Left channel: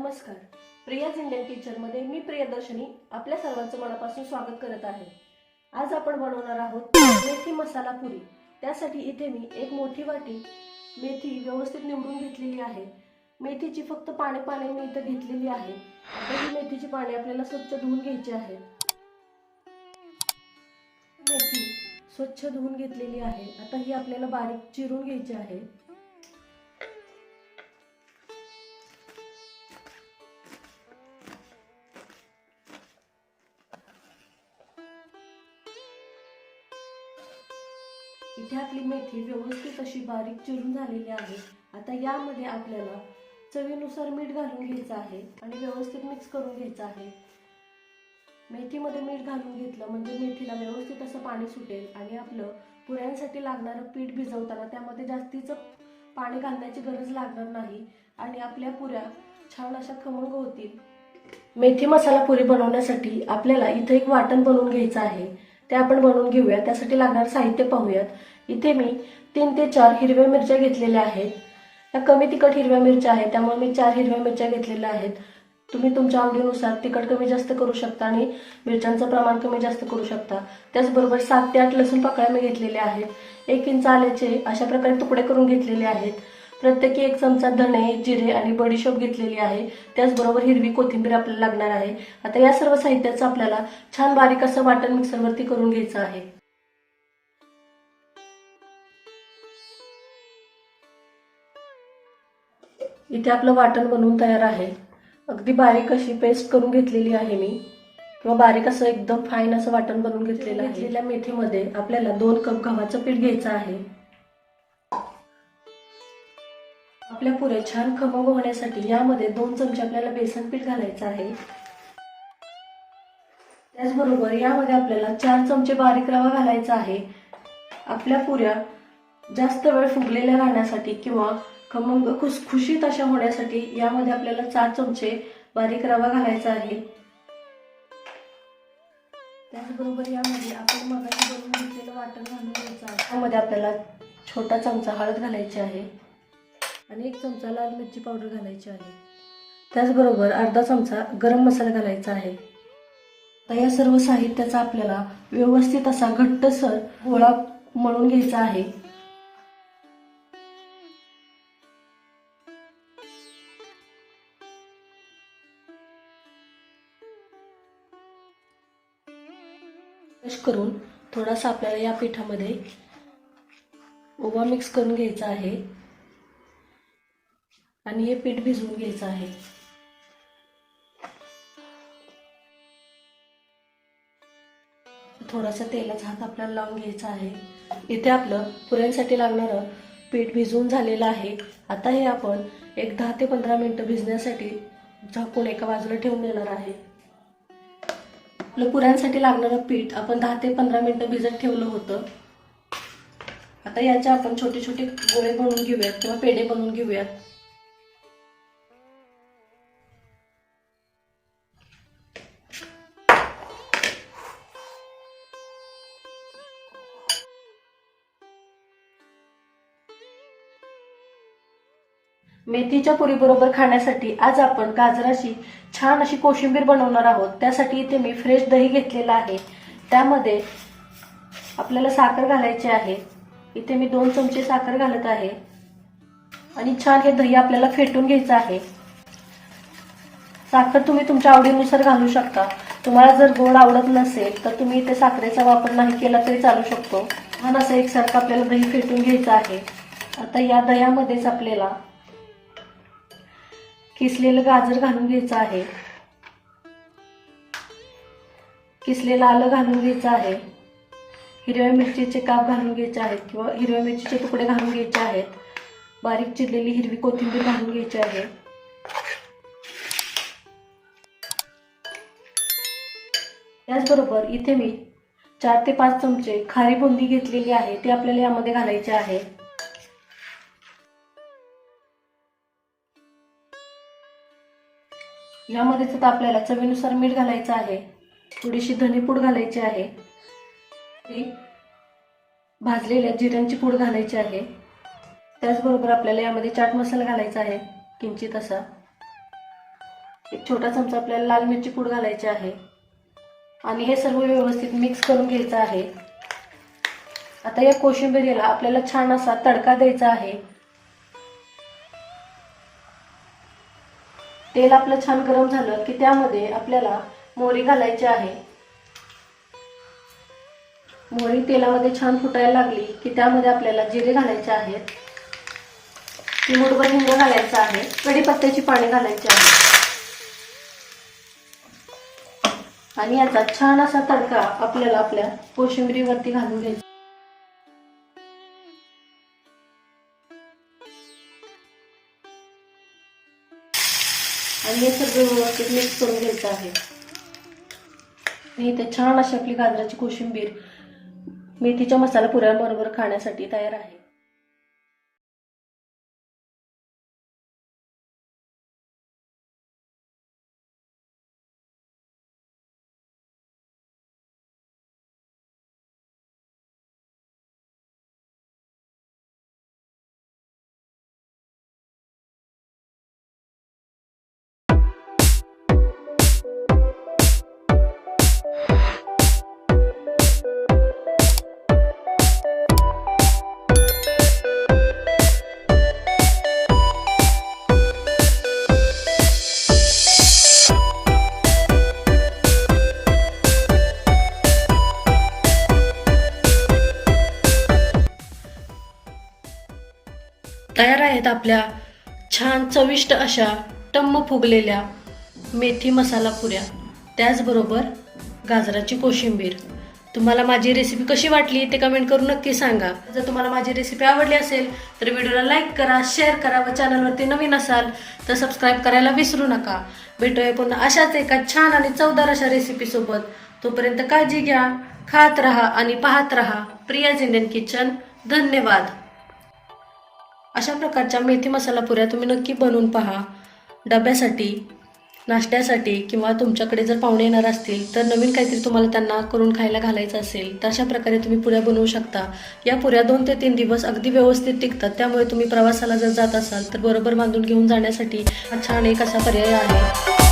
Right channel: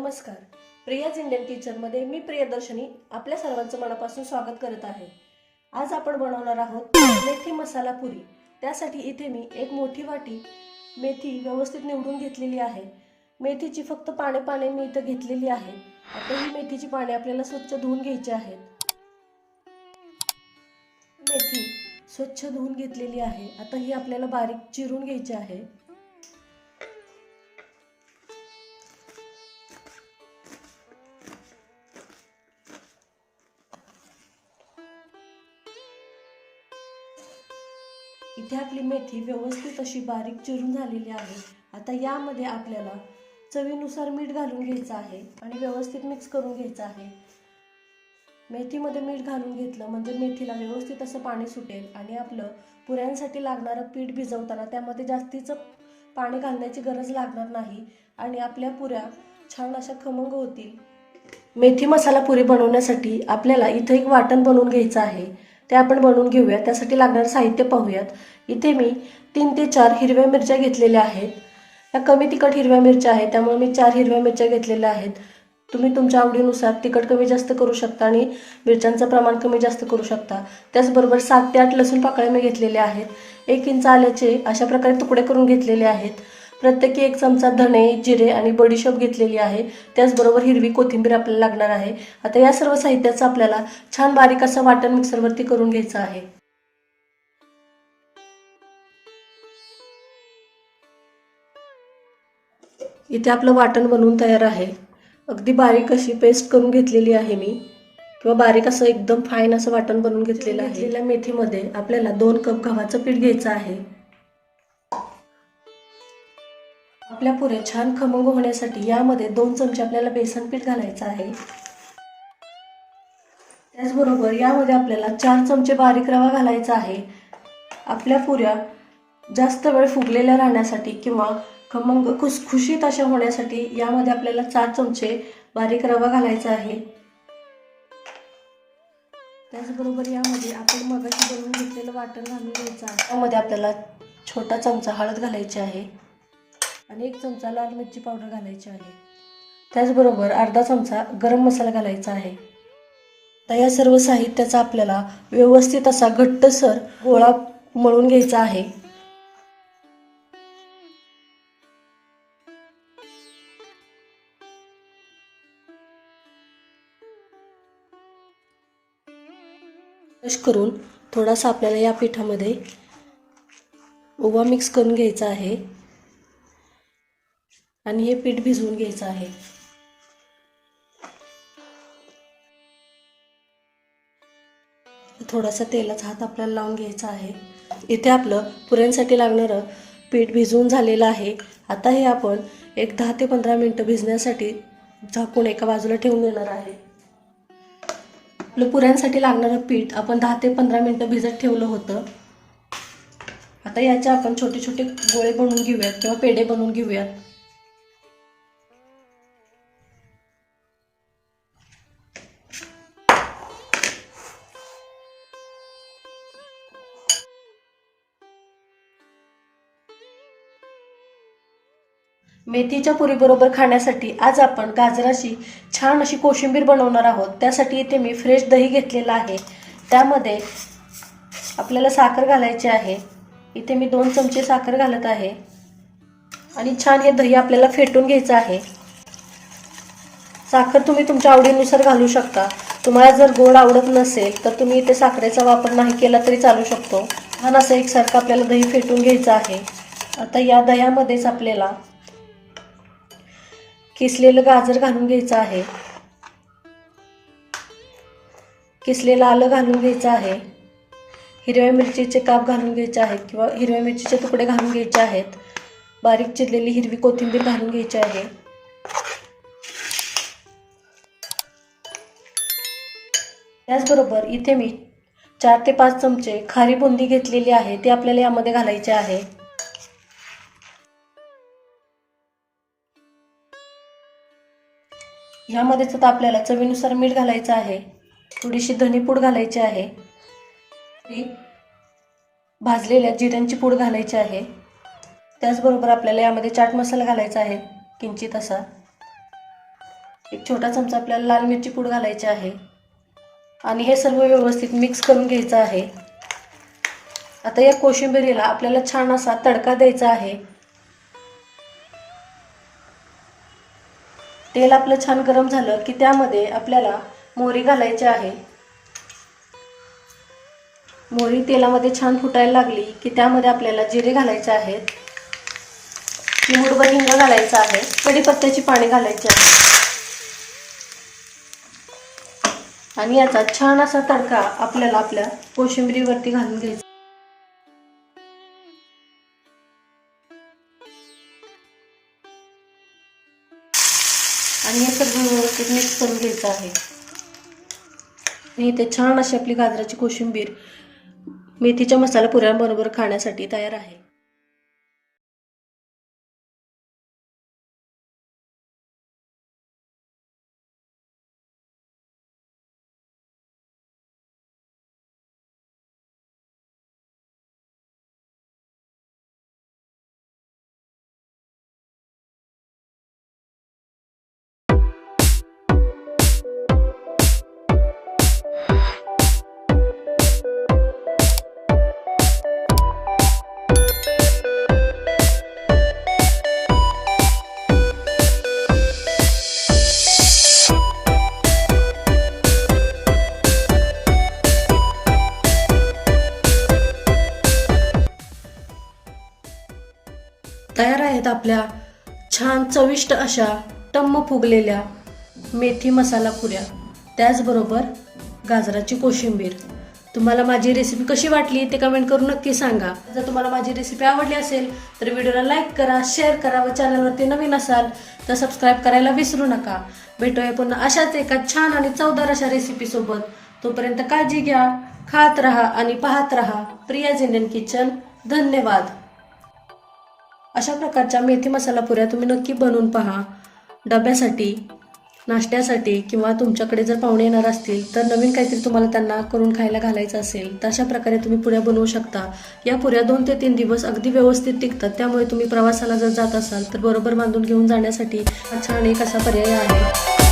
नमस्कार. प्रियाज इंडियन किचनमध्ये मी प्रियदर्शनी आपल्या सर्वांचं मनापासून स्वागत करत आहे. आज आपण बनवणार आहोत मेथी मसाला पुरी. त्यासाठी इथे मी एक मोठी वाटी मेथी व्यवस्थित निवडून घेतलेली आहे. मेथीची फक्त पाने पाने मी इथं घेतलेली आहे. आता ही मेथीची पाने आपल्याला स्वच्छ धुवून घ्यायची आहेत. मेथी स्वच्छ धुवून घेतलेली आहे. आता ही आपल्याला बारीक चिरून घ्यायची आहे. इथे आपली मेथी व्यवस्थित अशी बारीक चिरून झालेली आहे. आता यामध्ये आपल्याला चवीनुसार मीठ घालून घ्यायचं आहे आणि व्यवस्थित मिक्स करून घ्यायचं आहे. मेथीमध्ये मीठ घालून घेतलं म्हणजे मेथीला व्यवस्थित असं पाणी सुटेल आणि आपलं पुऱ्यांसाठी लागणारं पीठ भिजवताना त्यामध्ये जास्तीचं पाणी घालण्याची गरज लागणार नाही आणि आपल्या पुऱ्या छान अशा खमंग होतील. मेथी मसाला पुरी बनवण्यासाठी आपल्याला इथं एक वाटण बनवून घ्यायचं आहे. ते आपण बनवून घेऊया. त्यासाठी लागणारं साहित्य पाहूयात. इथे मी तीन ते चार हिरव्या मिरच्या घेतलेल्या आहेत. ह्या कमी तिखट हिरव्या मिरच्या आहेत. त्यामुळे मी चार हिरव्या मिरच्या घेतलेल्या आहेत. तुम्ही तुमच्या आवडीनुसार तिखट कमी जास्त करू शकता आणि मिरच्यांचं प्रमाण कमी जास्त करू शकता. त्याचबरोबर सात ते आठ लसूण पाकळ्या मी घेतलेल्या आहेत. एक इंच आल्याचे अशा प्रकारे तुकडे करून घेतलेले आहेत. प्रत्येकी एक चमचा धणे जिरे आणि बडीशोप घेतलेली आहे. त्याचबरोबर हिरवी कोथिंबीर आपल्याला लागणार आहे. आता या सर्व साहित्याचं आपल्याला छान बारीक असं वाटण मिक्सरवरती करून घ्यायचं आहे. इथे आपलं वाटण बनवून तयार आहे. अगदी बारीक अशी पेस्ट करून घेतलेली आहे मी. किंवा बारीक असं एकदम फाईन असं वाटण बनवून घेतलेलं आहे. घेतलेल्या मेथीमध्ये आपल्याला दोन कप गव्हाचं पीठ घ्यायचं आहे. आपल्या पुऱ्या छान खमंग होण्यासाठी यामध्ये दोन चमचे आपल्याला बेसन पीठ घालायचं आहे. त्याचबरोबर यामध्ये आपल्याला चार चमचे बारीक रवा घालायचा आहे. आपल्या पुऱ्या जास्त वेळ फुगलेल्या राहण्यासाठी किंवा खमंग खुसखुशीत अशा होण्यासाठी यामध्ये आपल्याला चार चमचे बारीक रवा घालायचा आहे. त्याचबरोबर यामध्ये आपण मगाशी बनवून घेतलेलं वाटण घालून घ्यायचं आहे. त्यामध्ये आपल्याला छोटा चमचा हळद घालायची आहे. आणि एक चमचा लाल मिरची पावडर घालायची आहे. त्याचबरोबर अर्धा चमचा गरम मसाला घालायचा आहे. तर या सर्व साहित्याचा आपल्याला व्यवस्थित असा घट्टसर गोळा मळून घ्यायचा आहे. क्रश करून थोडासा आपल्याला या पिठामध्ये ओवा मिक्स करून घ्यायचा आहे. आणि हे पीठ भिजवून घ्यायचं आहे. थोडासा तेलाचा हात आपल्याला लावून घ्यायचा आहे. इथे आपलं पुऱ्यांसाठी लागणारं पीठ भिजवून झालेलं आहे. आता हे आपण एक दहा ते पंधरा मिनटं भिजण्यासाठी झाकून एका बाजूला ठेवून देणार आहे. आपलं पुऱ्यांसाठी लागणारं पीठ आपण दहा ते पंधरा मिनटं भिजत ठेवलं होतं. आता याचे आपण छोटे छोटे गोळे बनवून घेऊयात किंवा पेढे बनवून घेऊयात. मेथीच्या पुरीबरोबर खाण्यासाठी आज आपण गाजराची छान अशी कोशिंबीर बनवणार आहोत. त्यासाठी इथे मी फ्रेश दही घेतलेलं आहे. त्यामध्ये आपल्याला साखर घालायची आहे. इथे मी दोन चमचे साखर घालत आहे. आणि छान हे दही आपल्याला फेटून घ्यायचं आहे. साखर तुम्ही तुमच्या आवडीनुसार घालू शकता. तुम्हाला जर गोड आवडत नसेल तर तुम्ही इथे साखरेचा वापर नाही केला तरी चालू शकतो. छान असं एकसारखं आपल्याला दही फेटून घ्यायचं आहे. आता या दह्यामध्येच आपल्याला किसलेलं गाजर घालून घ्यायचं आहे. किसलेलं आलं घालून घ्यायचं आहे. हिरव्या मिरचीचे काप घालून घ्यायचे आहेत किंवा हिरव्या मिरचीचे तुकडे घालून घ्यायचे आहेत. बारीक चिरलेली हिरवी कोथिंबीर घालून घ्यायची आहे. त्याचबरोबर इथे मी चार ते पाच चमचे खारी बुंदी घेतलेली आहे ती आपल्याला यामध्ये घालायची आहे. ह्यामध्ये सुद्धा आपल्याला चवीनुसार मीठ घालायचं आहे. थोडीशी धनीपूड घालायची आहे. भाजलेल्या जिऱ्यांची पूड घालायची आहे. त्याचबरोबर आपल्याला यामध्ये चाट मसाला घालायचा आहे किंचित असा. एक छोटा चमचा आपल्याला लाल मिरची पूड घालायची आहे. आणि हे सर्व व्यवस्थित मिक्स करून घ्यायचं आहे. आता या कोशिंबिरीला आपल्याला छान असा तडका द्यायचा आहे. तेल आपलं छान गरम झालं की त्यामध्ये आपल्याला मोहरी घालायची आहे. मोहरी तेलामध्ये छान फुटायला लागली की त्यामध्ये आपल्याला जिरे घालायचे आहेत. चिमुटभर हिंग घालायचं आहे. कढीपत्त्याची पाणी घालायची आहे आणि याचा छान असा तडका आपल्याला आपल्या कोशिंबिरीवरती घालून घ्यायचा. आणि हे सगळं व्यवस्थित मिक्स करून घ्यायचं आहे. आणि इथे छान अशी आपली गाजराची कोशिंबीर मेथीच्या मसाला पुऱ्यांबरोबर खाण्यासाठी तयार आहे. आहेत आपल्या छान चविष्ट अशा टम्म फुगलेल्या मेथी मसाला पुऱ्या. त्याचबरोबर गाजराची कोशिंबीर. तुम्हाला माझी रेसिपी कशी वाटली ते कमेंट करून नक्की सांगा. जर तुम्हाला माझी रेसिपी आवडली असेल तर व्हिडिओला लाईक करा शेअर करा व चॅनलवरती नवीन असाल तर सबस्क्राईब करायला विसरू नका. भेटूया पुन्हा अशाच एका छान आणि चवदार अशा रेसिपीसोबत तोपर्यंत काळजी घ्या खात राहा आणि पाहत राहा प्रियाज इंडियन किचन. धन्यवाद. अशा प्रकारच्या मेथी मसाला पुऱ्या तुम्ही नक्की बनवून पहा. डब्यासाठी नाश्त्यासाठी किंवा तुमच्याकडे जर पाहुणे येणार असतील तर नवीन काहीतरी तुम्हाला त्यांना करून खायला घालायचं असेल तर अशा प्रकारे तुम्ही पुऱ्या बनवू शकता. या पुऱ्या दोन ते तीन दिवस अगदी व्यवस्थित टिकतात त्यामुळे तुम्ही प्रवासाला जर जात असाल तर बरोबर बांधून घेऊन जाण्यासाठी छान एक असा पर्याय आहे.